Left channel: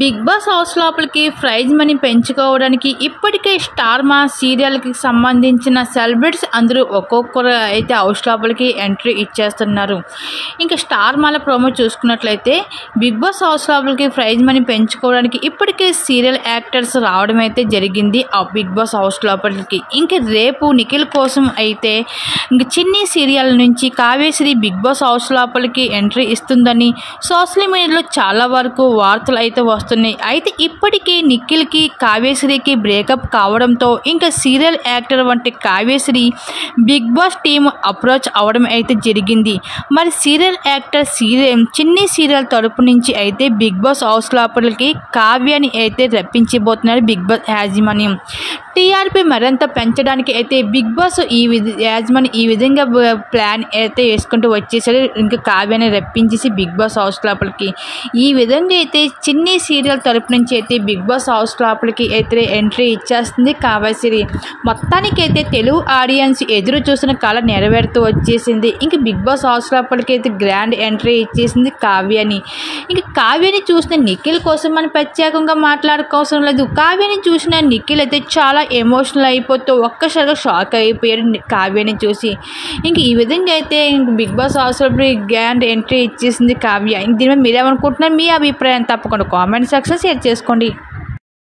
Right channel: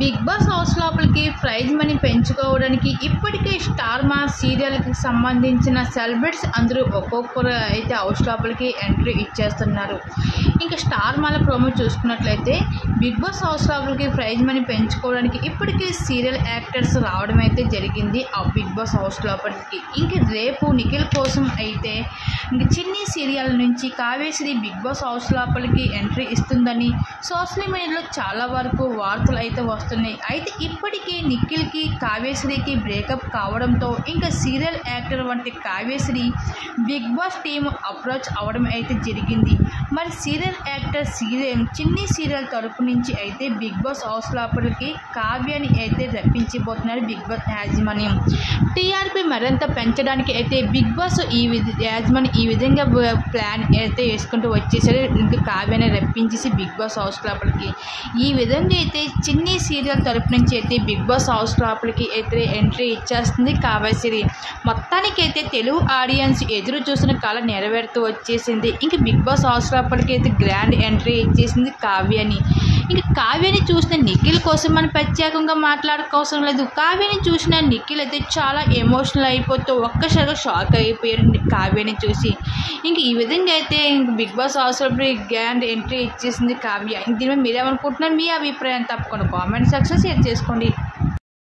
Big boss house లోపలికి prize money పెంచుకోవడానికి ఇప్పటికే స్టార్ మా సీరియల్కి సంబంధించిన సెలబ్రిటీస్ అందరూ ఒక్కొక్కరు అయితే హౌస్ లోపలికి ఎంట్రీ ఇచ్చేస్తున్నారు. ఇంకా స్టార్ మాల ప్రోమో చూసుకున్నట్లయితే బిగ్ బాస్ హౌస్ లోపలికి ప్రైజ్ మనీ పెంచుకోవడానికి ఇప్పటికే సీరియల్ యాక్టర్స్ రావడం అయితే జరిగింది ఆ బిగ్ బాస్ హౌస్ లోపలికి. ఇంక రేపు నిఖిల్ కోసం అయితే ఇంక చిన్ని సీరియల్ నుంచి కావ్యశ్రీ బిగ్ బాస్ హౌస్ లోపలికి ఎంట్రీ ఇస్తుందని సోషల్ మీడియాలో చాలా వరకు వార్తలు అయితే వస్తున్నాయి. అయితే ఇప్పటికీ నిఖిల్కి కావ్యశ్రీకి బ్రేకప్ కావడంతో ఇంకా సీరియల్ యాక్టర్ వంటి Kavyasri Bigg Boss team approach అవ్వడం అయితే జరిగింది. మరి సీరియల్ యాక్టర్ చిన్ని సీరియల్ తరపు నుంచి అయితే బిగ్ బాస్ హౌస్ లోపలికి కావ్యాన్ని అయితే రప్పించబోతున్నారు బిగ్ బాస్ యాజమాన్యం. టీఆర్పీ మరింత పెంచడానికి అయితే బిగ్ బాస్ యాజమాన్యం ఈ విధంగా ప్లాన్ అయితే వేసుకుంటూ వచ్చేసరి ఇంకా కావ్యాన్ని రప్పించేసి బిగ్ బాస్ హౌస్ లోపలికి ఈ విధంగా అయితే చిన్ని సీరియల్ తరపు నుంచి అయితే బిగ్ బాస్ హౌస్ లోపలికి అయితే ఎంట్రీ ఇచ్చేస్తుంది కావ్యశ్రీ. మొత్తానికి అయితే తెలుగు ఆడియన్స్ ఎదురు చూసిన కళ నెరవేరుతూ వచ్చేసింది. ఇంక బిగ్ బాస్ హౌస్ లోపలికి అయితే గ్రాండ్ ఎంట్రీ ఇచ్చేసింది కావ్యాని. ఇంక కావ్యాని చూసిన నిఖిల్ కోసం మనం ప్రత్యేకంగా మాట్లాడుకోవసం లేదు. కావ్యాని చూసిన నిఖిల్ అయితే చాలా ఎమోషనల్ అయిపోతూ ఒక్కసారిగా షాక్ అయిపోయాడు కావ్యాని చూసి. ఇంక ఈ విధంగా అయితే ఇంక బిగ్ బాస్ హౌస్ లోపలికి గ్రాండ్ ఎంట్రీ ఇచ్చేసింది కావ్య. ఇంక దీని మీద మీరేమనుకుంటున్నారు? మీ అభిప్రాయం తప్పకుండా కామెంట్ సెక్షన్ షేర్ చేసుకోండి.